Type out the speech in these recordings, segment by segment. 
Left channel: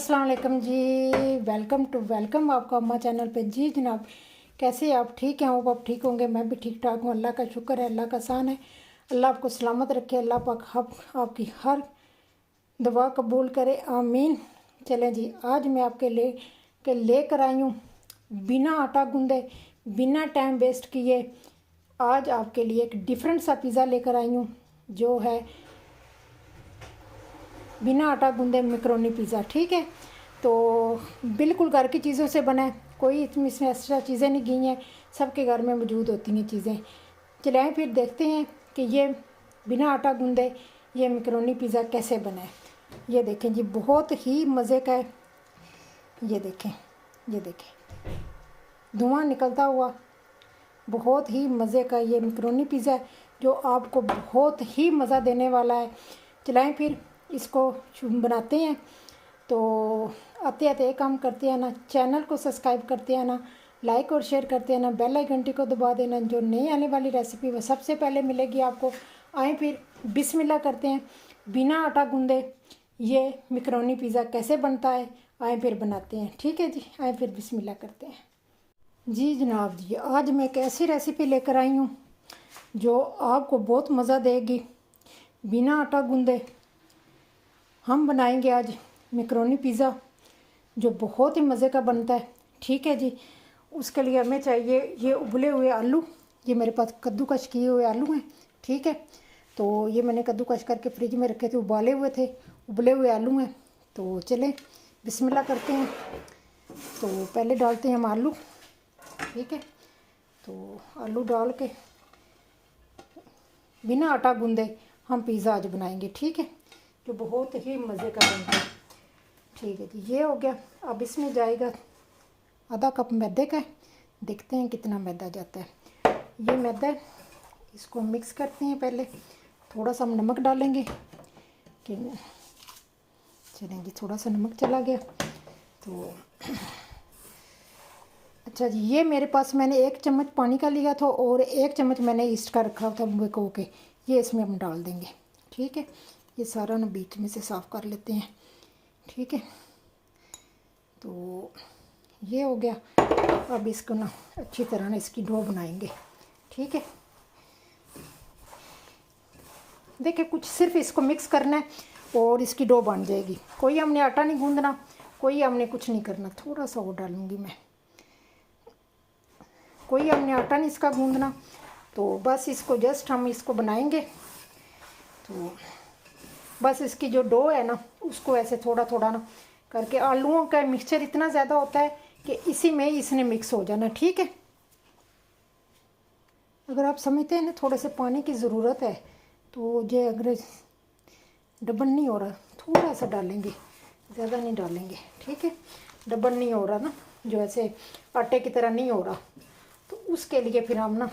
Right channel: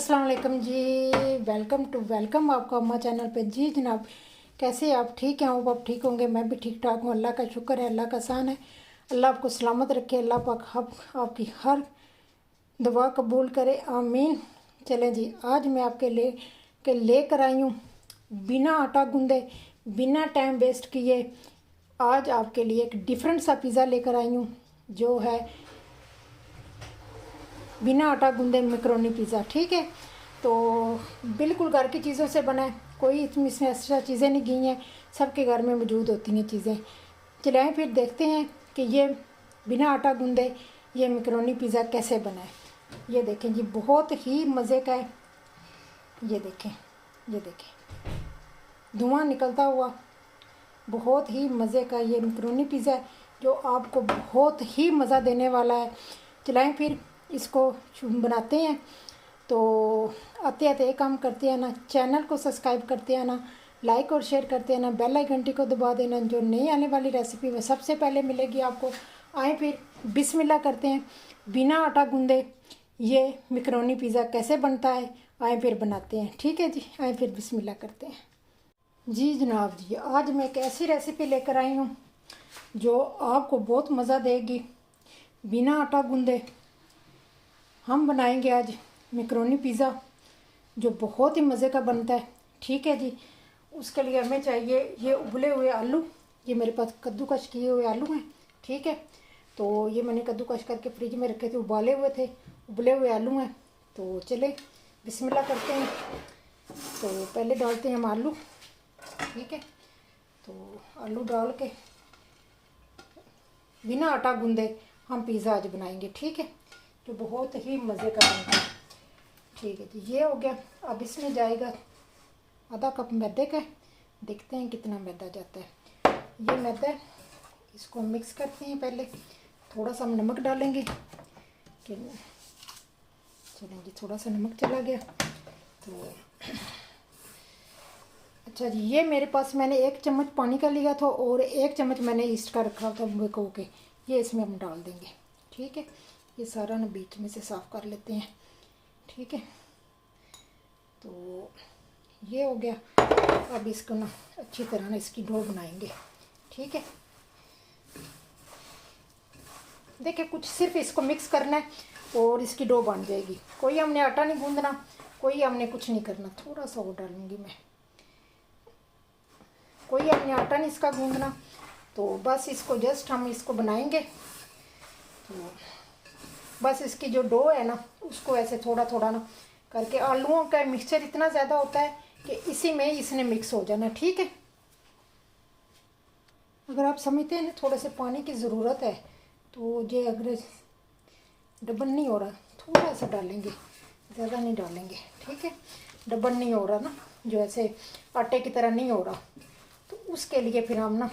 अस्सलाम वालेकुम जी। वेलकम आपका अम्मा चैनल पे। जी जनाब, कैसे आप? ठीक हैं? आप ठीक होंगे। मैं भी ठीक ठाक हूँ। अल्लाह का शुक्र है, अल्लाह का एहसान है। अल्लाह आपको सलामत रखे। अल्लाह पाक आपकी हर दुआ कबूल करे, आमीन। चलें जी, आज मैं आपके लेकर आई हूँ बिना आटा गूंदे, बिना टाइम वेस्ट किए, आज आपके लिए एक डिफरेंट सा पिज़्ज़ा लेकर आई हूँ जो है बिना आटा गूंदे मैकरोनी पिज़्ज़ा। ठीक है, तो बिल्कुल घर की चीज़ों से बना है, कोई इसमें एक्स्ट्रा चीज़ें नहीं गई हैं, सबके घर में मौजूद होती हैं चीज़ें। चलाएं फिर देखते हैं कि ये बिना आटा गूंदे ये मैकरोनी पिज़्ज़ा कैसे बना है। ये देखें जी, बहुत ही मज़े का है। ये देखें, ये देखें, धुआं निकलता हुआ बहुत ही मज़े का ये मैकरोनी पिज़्ज़ा है जो आपको बहुत ही मज़ा देने वाला है। चलाएं फिर इसको बनाते हैं। तो आते आते एक काम करते हैं ना, चैनल को सब्सक्राइब करते हैं ना, लाइक और शेयर करते हैं ना, बेल आइकन घंटी को दबा देना, जो नई आने वाली रेसिपी वो सबसे पहले मिलेगी आपको। आए फिर बिस्मिल्लाह करते हैं, बिना आटा गूंदे ये मैकरोनी पिज़्ज़ा कैसे बनता है, आए फिर बनाते हैं। ठीक है जी, आए फिर बिस्मिल्लाह करते हैं। जी जनाब जी, आज मैं एक ऐसी रेसिपी लेकर आई हूँ जो आपको बहुत मज़ा देगी। बिना आटा गूंदे हम बनाएंगे आज मैकरोनी पिज़्ज़ा जो बहुत ही मज़े का बनता है। ठीक है जी, उसके लिए हमें चाहिए ये उबले हुए आलू। ये मेरे पास कद्दूकश किए हुए आलू हैं। ठीक है, तो ये मैंने कद्दूकश करके फ्रिज में रखे थे, उबाले हुए थे, उबले हुए आलू हैं। तो चले बिस्मिल्लाह करते हैं। तो पहले डालते हैं हम आलू। ठीक है, तो आलू डाल के बिना आटा गूंदे हम पिज़्ज़ा आज बनाएंगे। ठीक है, जो बहुत ही मज़े का बनता है। ठीक है जी, ये हो गया। अब इसमें जाएगा आधा कप मैदे का। देखते हैं कितना मैदा जाता है। ये मैदा, इसको मिक्स करते हैं। पहले थोड़ा सा नमक डालेंगे कि चलें जी, थोड़ा सा नमक चला गया तो अच्छा जी, ये मेरे पास मैंने 1 चम्मच पानी का लिया था और 1 चम्मच मैंने ईस्ट का रखा था भिगो के, ये इसमें हम डाल देंगे। ठीक है, ये सारा ना बीच में से साफ़ कर लेते हैं। ठीक है, तो ये हो गया। अब इसको ना अच्छी तरह ना इसकी डो बनाएंगे। ठीक है, देखिए कुछ सिर्फ इसको मिक्स करना है और इसकी डो बन जाएगी। कोई हमने आटा नहीं गूंदना, कोई हमने कुछ नहीं करना। थोड़ा सा और डालूंगी मैं, कोई हमने आटा नहीं इसका गूंदना। तो बस इसको जस्ट हम इसको बनाएंगे। तो बस इसकी जो डो है ना, उसको ऐसे थोड़ा थोड़ा ना करके, आलूओं का मिक्सचर इतना ज़्यादा होता है कि इसी में इसने मिक्स हो जाना। ठीक है, अगर आप समझते हैं ना थोड़े से पानी की ज़रूरत है तो जो अगर डबल नहीं हो रहा, थोड़ा सा डालेंगे, ज़्यादा नहीं डालेंगे। ठीक है, डबल नहीं हो रहा ना, जो ऐसे आटे की तरह नहीं हो रहा, तो उसके लिए फिर हम ना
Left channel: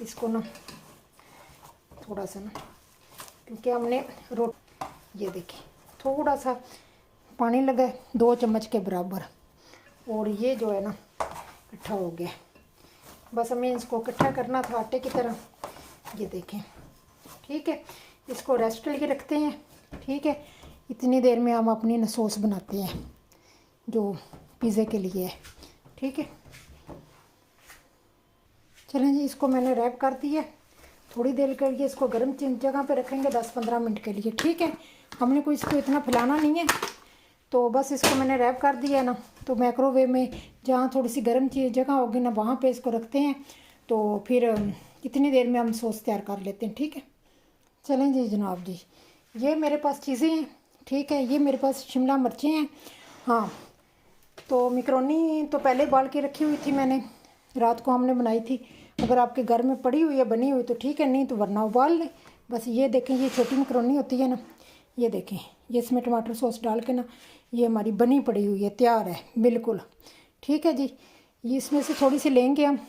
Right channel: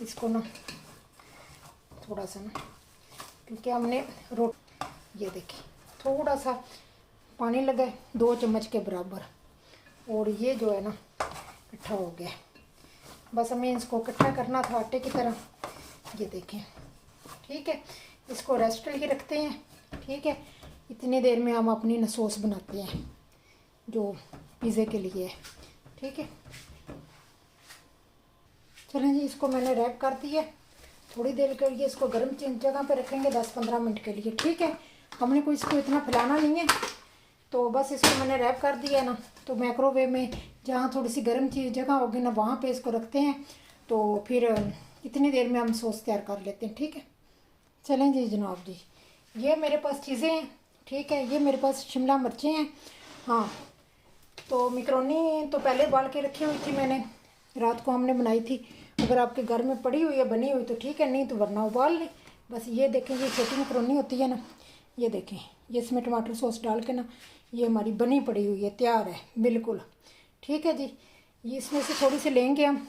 इसको ना थोड़ा सा ना, क्योंकि हमने ये देखिए थोड़ा सा पानी लगा है 2 चम्मच के बराबर, और ये जो है ना इकट्ठा हो गया। बस हमें इसको इकट्ठा करना था आटे की तरह। ये देखें। ठीक है, इसको रेस्ट के लिए रखते हैं। ठीक है, इतनी देर में हम अपनी सॉस बनाते हैं जो पिज़्ज़े के लिए है। ठीक है, चलें जी, इसको मैंने रैप कर दिया। थोड़ी देर के लिए इसको गर्म जगह पे रखेंगे 10-15 मिनट के लिए। ठीक है, हमने कोई इसको इतना फैलाना नहीं है, तो बस इसको मैंने रैप कर दिया है ना, तो माइक्रोवेव में जहाँ थोड़ी सी गर्म चीज़ जगह होगी ना, वहाँ पे इसको रखते हैं। तो फिर इतनी देर में हम सॉस तैयार कर लेते हैं। ठीक है, चलें जी जनाब जी, ये मेरे पास चीज़ें हैं। ठीक है, ये मेरे पास शिमला मिर्चें हैं। हाँ, तो मैकरोनी तो पहले उबाल के रखी हुई थी मैंने, रात को हमने बनाई थी। अगर आपके घर में पड़ी हुई है, बनी हुई, तो ठीक है, नहीं तो वरना उबाल लें। बस ये देखें, ये छोटी मैकरोनी होती है ना, ये देखें, ये इसमें टमाटर सॉस डाल के ना, ये हमारी बनी पड़ी हुई है, तैयार है बिल्कुल। ठीक है जी, ये इसमें से थोड़ी सी लेंगे हम,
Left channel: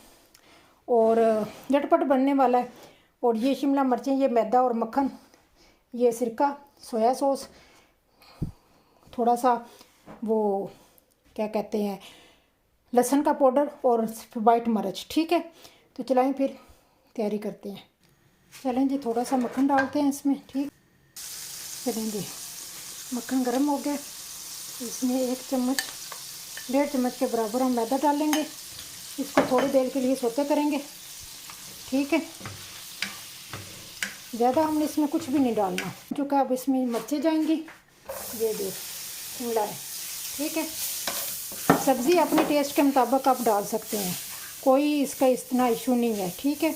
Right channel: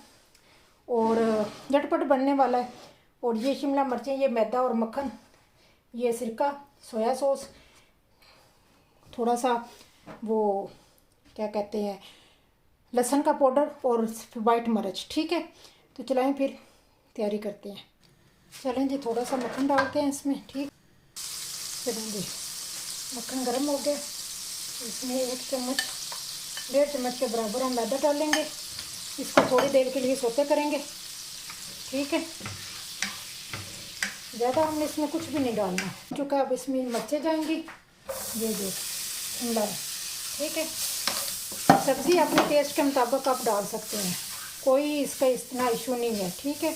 और झटपट बनने वाला है। और ये शिमला मिर्चें, ये मैदा और मक्खन, ये सिरका, सोया सॉस, थोड़ा सा वो क्या कहते हैं, लहसुन का पाउडर और वाइट मिर्च। ठीक है, तो चलाएं फिर तैयारी करते हैं। चलें जी, थोड़ा सा मक्खन डालते हैं इसमें। ठीक, चलें जी, मक्खन गर्म हो गया। इसमें 1-1.5 चम्मच के बराबर हम मैदा डालेंगे। इसको थोड़ी देर के लिए सोते करेंगे, ठीक है। ज़्यादा हमने इसमें कुछ भी नहीं डालना। जो का अब इसमें मर्चें जाएंगी, ये देख मिलाएं, ठीक है। सब्ज़ी अपने टेस्ट के मुताबिक आप डाल सकते हैं, कोई इसका इतना इशू नहीं है, ठीक है।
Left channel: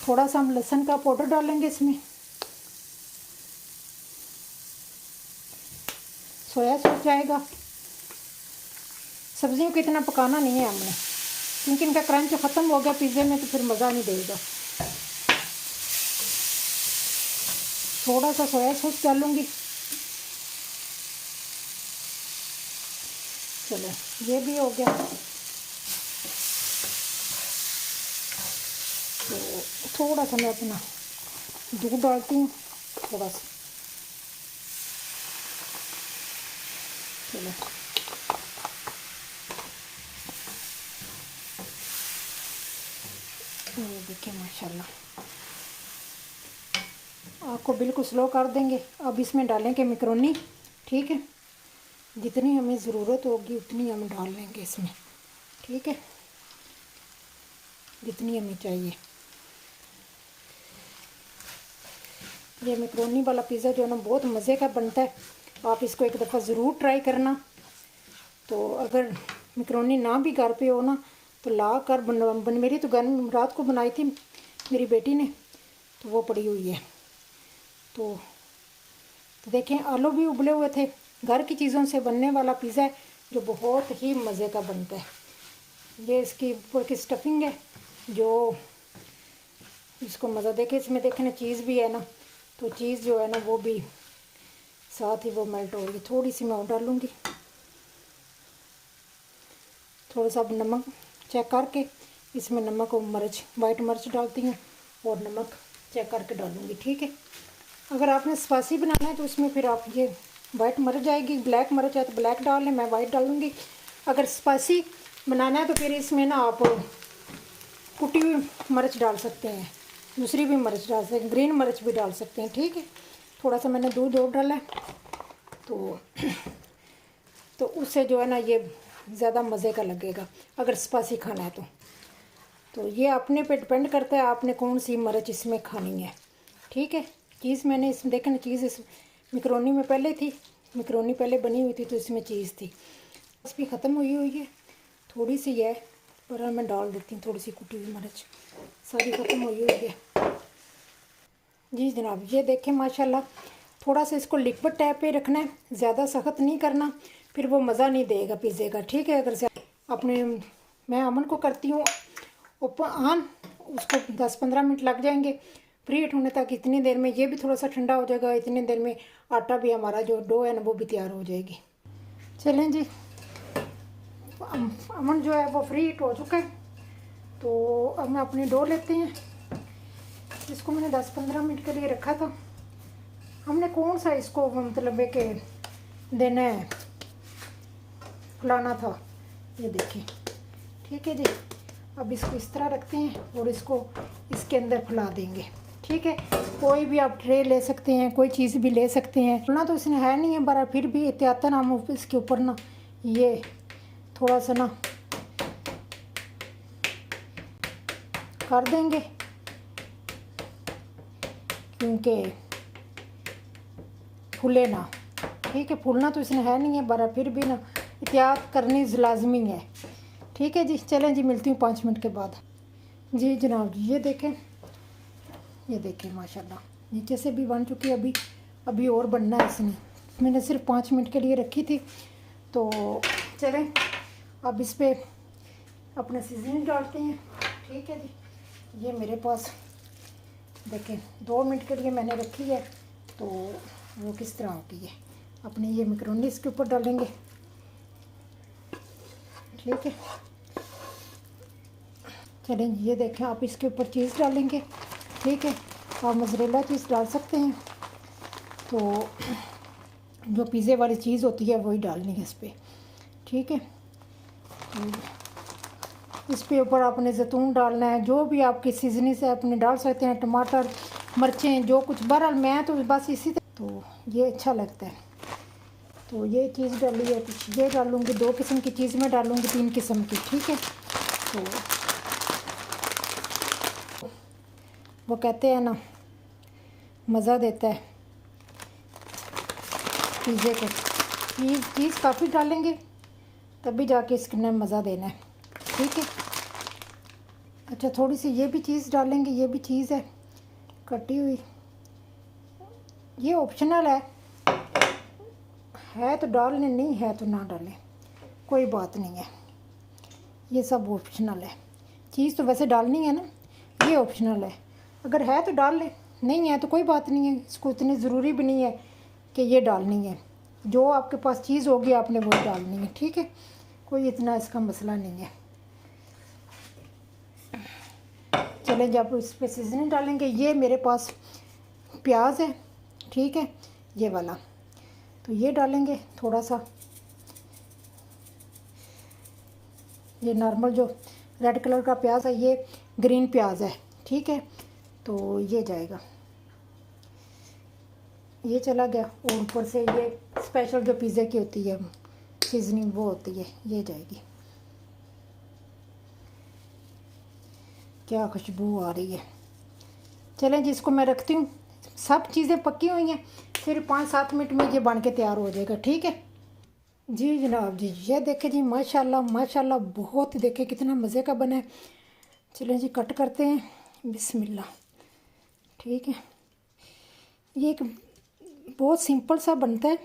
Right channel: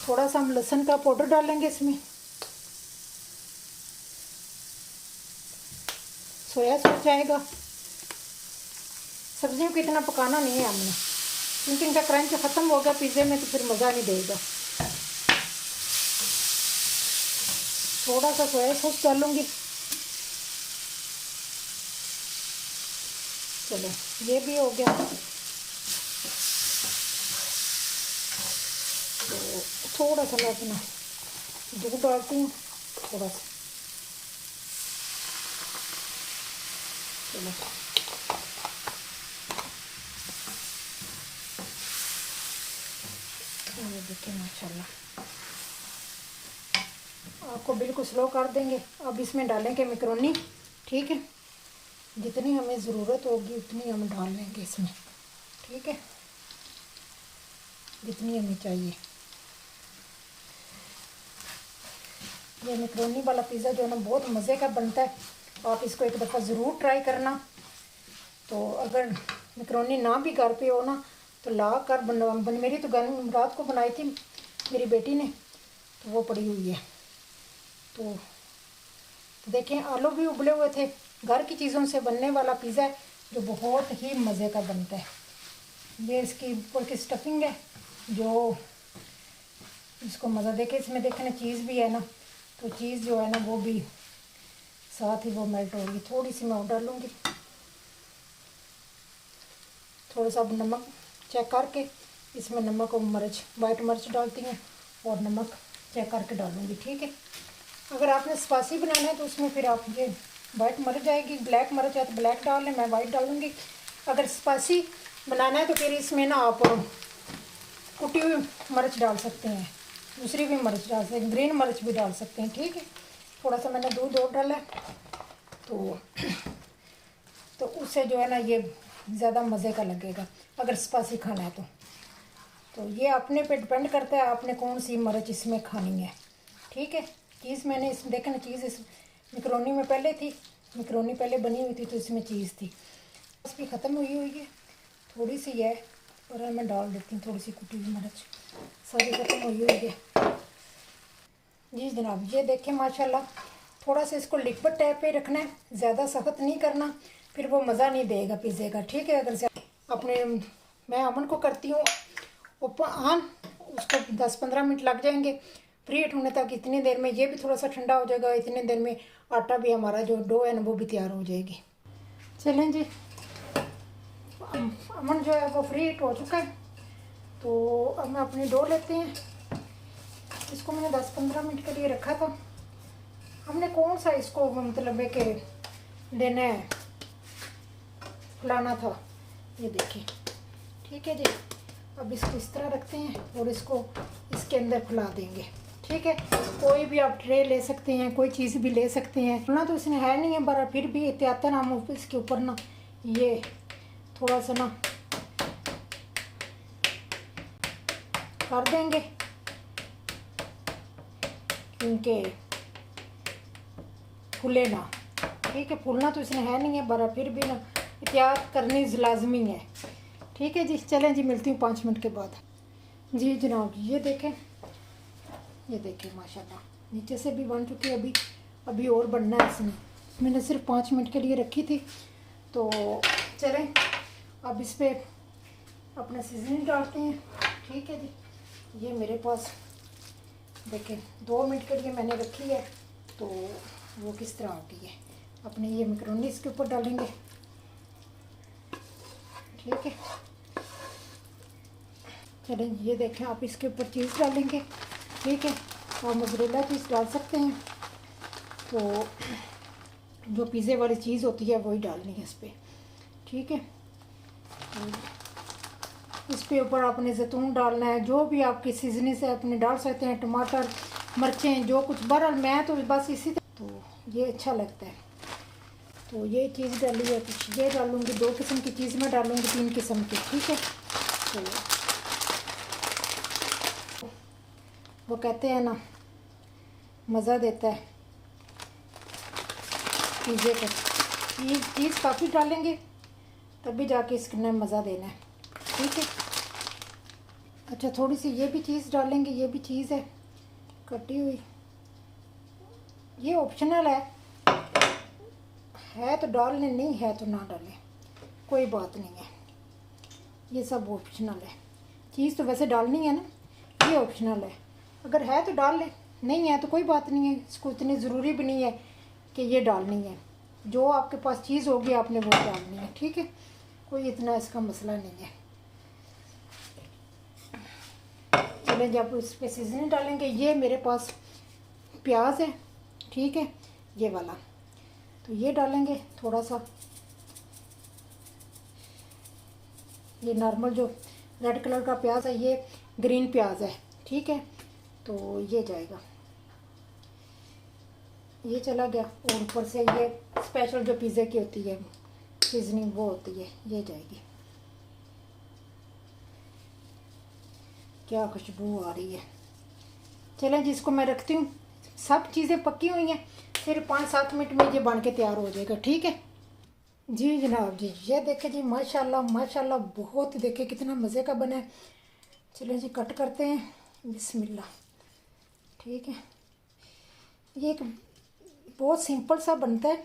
थोड़ा सा हम लहसुन का पाउडर डालेंगे इसमें, सोया सॉस जाएगा। सब्जियों को इतना पकाना नहीं है हमने, क्योंकि इनका क्रंच ख़त्म हो गया पिज़्ज़े में तो फिर मज़ा नहीं देगा। थोड़ा सा सोया सॉस डालूंगी। चलो ये भी हो गया। तो थोड़ा सा मैं अपना दूध डालती हूँ, थोड़ा सा। चलो ये देखिए माशाल्लाह, आपको बिल्कुल स्लो कर देंगे। अब इसमें डालेंगे मैकरोनी, ठीक है। जितनी हमें ज़रूरत होगी उतनी हम डाल लेंगे इसमें, ठीक है, जितनी हमें चाहिए। ये मैकरोनी वाला पिज़्ज़ा जो है ना बहुत मज़े का बनता है, आप इसको एक दफ़ा ज़रूर ट्राई करना। तो अगर मैकरोनी ना भी घर पे हो ना तो ला कर बन मेरी तो घर रात को बनाई थी मेरी बेटी ने, तो वो पड़ी हुई है। तो देखें आलू भी उबले हुए थे। घर की चीज़ों से बनने वाला पिज़्ज़ा है जो बहुत ही मज़े का बनता है। ये इसकी ऊपर की स्टफिंग है जो इसको मज़ा देखे। इसमें देखने चीज़ भी है ना, तो चीज़ जो है ना वो भी साथ ही वो मेल्ट हो रही। थोड़ी सी मैं और डालूँगी, थोड़ा सा नमक चेक करके। इसमें नमक और मिर्च, वाइट मिर्च डालती हूँ और नमक चेक करके डालूँगी, ठीक है। अगर आपने स्पाइसी बनाना है तो उसमें फिर आप ये वाइट मिर्च जाएगी, ब्लैक मिर्च है तो ब्लैक डाल लें, मैं वाइट डालूँगी। अगर स्पाइसी बनाना है तो फिर इसमें ना आप कुटी हुई मिर्च डाल सकते हैं, दूसरी भी मिर्च डाल सकते हैं, ग्रीन मिर्च भी डाल सकते हैं, ठीक है। थोड़ा सा मैंने दूध और डाला है तो उससे जो है ना ये ज़्यादा मज़े का लगेगा अगर स्पाइसी खाना है तो ये अपने पे डिपेंड करता है आपने कौन सी मिर्च इसमें खानी है, ठीक है। चीज़ मैंने इसमें देखना, चीज़ इस मैकरोनी में पहले थी, मैकरोनी पहले बनी हुई थी तो इसमें चीज़ थी। इसकी ख़त्म हुई है, थोड़ी सी है पर मैं डाल देती हूँ थोड़ी सी कुटी हुई मिर्च, सारी ख़त्म हुई है। जी जनाब ये देखें माशाल्लाह, थोड़ा सा इसको लिक्विड टाइप पे रखना है, ज़्यादा सख्त नहीं करना, फिर वो मज़ा नहीं देगा पिज़्ज़े का, ठीक है। अगर अपने मैं अमन को करती हूँ ऑन, उसको 10-15 मिनट लग जाएंगे प्री हीट होने तक। इतनी देर में ये भी थोड़ा सा ठंडा हो जाएगा, इतनी देर में आटा भी हमारा जो डो है ना वो भी तैयार हो जाएगी। चलें जी, अमन जो है वो फ्री हीट हो चुका है, तो अब मैं अपनी डो लेती हैं। इसको मैंने 10-15 मिनट के लिए रखा था। हमने कौन सा इसको मतलब है कि देना है, फुलाना था, ये देखिए, ठीक है जी। अब इसको इस तरह रखते हैं और इसको इसके अंदर फुला देंगे, ठीक है। कोई भी आप ट्रे ले सकते हैं, कोई चीज़ भी ले सकते हैं। फुलना तो इसने है नहीं है बड़ा, फिर भी एहतियातन हम इसके ऊपर ना ये थोड़ा सा ना कर देंगे, क्योंकि फूले ना, ठीक है। फूलना तो इसने है नहीं है बड़ा, फिर भी ना एहतियात करनी लाजमी है, ठीक है जी। चलें जी, मिलती हूँ 5 मिनट के बाद। जी जनाब ये देखें माशाल्लाह नीचे से भी बन चुकी है। अभी और बनना है इसमें, मैंने सिर्फ 5 मिनट के लिए रखी थी। तो चलें अब इस पर अपने सीजनिंग डालते हैं, ठीक है जी। ये मेरे पास देखें 2 मिनट के लिए मैंने रखी है, तो वो किस तरह होगी है। अपने ये मैकरोनी इसके ऊपर डालेंगे, ठीक है। चलें ये देखें, आप इसके ऊपर चीज़ डालेंगे, ठीक है। आप मोज़रेला चीज़ डाल सकते हैं, तो जो पिज़्ज़े वाली चीज़ होती है वही डालनी है इस पर, ठीक है। इस पे ऊपर आपने जैतून डालना है, जो भी आपकी सीजनिंग से अपने डाल सकते हैं, टमाटर, मिर्चें, जो कुछ। बहरहाल मैं तो बस इसी तो ये अच्छा लगता है। तो ये चीज़ डाली है, कुछ ये डालूँगी, 2 किस्म की चीज़ मैं डालूँगी, 3 किस्म की, ठीक है। तो वो कहते हैं ना, मज़ा देता है पिज़्ज़े को। चीज़ काफ़ी डालेंगे तभी जाके इसके अंदर मज़ा देना है, ठीक है। अच्छा, थोड़ी सी ये भी चीज़ डालेंगे, ये भी चीज़ है कटी हुई, ये ऑप्शनल है तो डाल लें, नहीं है तो ना डालें, कोई बात नहीं है, ये सब ऑप्शनल है। चीज़ तो वैसे डालनी है ना, ये ऑप्शनल है, अगर है तो डाल लें, नहीं है तो कोई बात नहीं है। इसको इतनी ज़रूरी भी नहीं है कि ये डालनी है, जो आपके पास चीज़ होगी आपने वो डालनी है, ठीक है, कोई इतना इसका मसला नहीं है। चलें, जब इस पर सीजनिंग डालेंगे, ये मेरे पास प्याज है, ठीक है, ये वाला, तो ये डालेंगे थोड़ा सा, ये नॉर्मल जो रेड कलर का प्याज है, ये ग्रीन प्याज है, ठीक है, तो ये जाएगा, ये चला गया। और ऊपर से ये स्पेशल जो पिज़्ज़े की होती है सीजनिंग, वो होती है, ये जाएगी। क्या खुशबू आ रही है। चलें, जिसको मैं रखती हूँ, सब चीज़ें पक्की हुई हैं, फिर 5-7 मिनट में ये बन के तैयार हो जाएगा, ठीक है जी जनाब जी। ये देखे जी, माशाल्लाह माशाल्लाह, बहुत ही देखे कितना मज़े का बना है। चलें जी, कट करते हैं, बिस्मिल्लाह, ठीक है। ये एक बहुत सिंपल सा बनता है,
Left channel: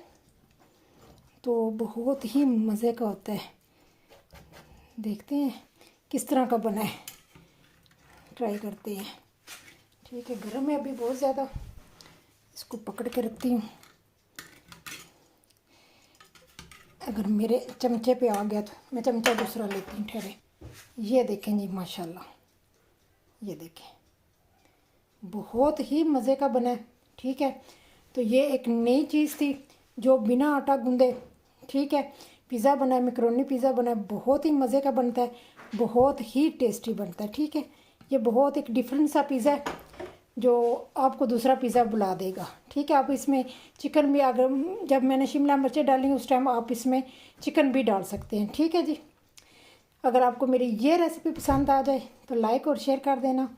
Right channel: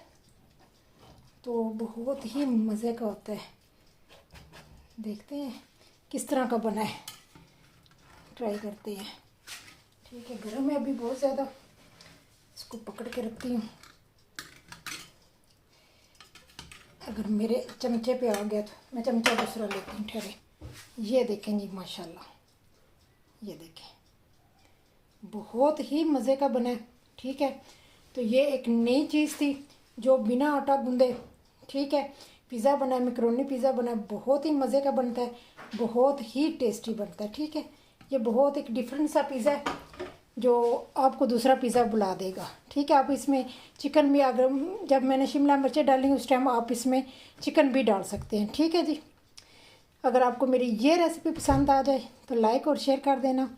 तो बहुत ही मज़े का होता है। देखते हैं किस तरह का बना है, ट्राई करते हैं, ठीक है। गर्म है अभी बहुत ज़्यादा, इसको पकड़ के रखती हूँ, अगर मेरे चमचे पे आ गया तो मैं चमचा दूसरा लेती हूँ, ठहरे। ये देखें जी, माशाल्लाह, ये देखें, बहुत ही मज़े का बना है, ठीक है। तो ये एक नई चीज़ थी जो बिना आटा गूंदे, ठीक है, पिज़्ज़ा बना है, मैकरोनी पिज़्ज़ा बना है, बहुत ही मज़े का बनता है, बहुत ही टेस्टी बनता है, ठीक है। ये बहुत एक डिफरेंट सा पिज़्ज़ा है जो आपको दूसरा पिज़्ज़ा बुला देगा, ठीक है। आप इसमें चिकन भी, अगर जब मैंने शिमला मिर्चें डाली उस टाइम आप इसमें चिकन भी डाल सकते हैं, ठीक है जी। अगर आपको मेरी ये रेसिपी पसंद आ जाए तो लाइक और शेयर कर देना।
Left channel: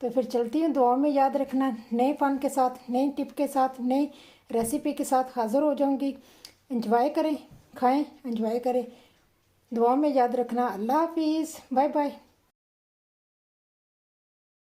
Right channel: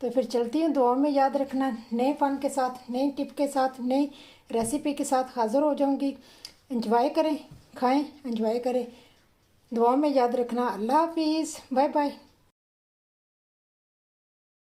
तो फिर चलती हूँ, दुआ में याद रखना, नए फ़न के साथ, नई टिप के साथ, नई रेसिपी के साथ हाज़िर हो जाऊँगी। एंजॉय करें, खाएं, एंजॉय करें, दुआ में याद रखना। अल्लाह हाफिज़, बाय बाय।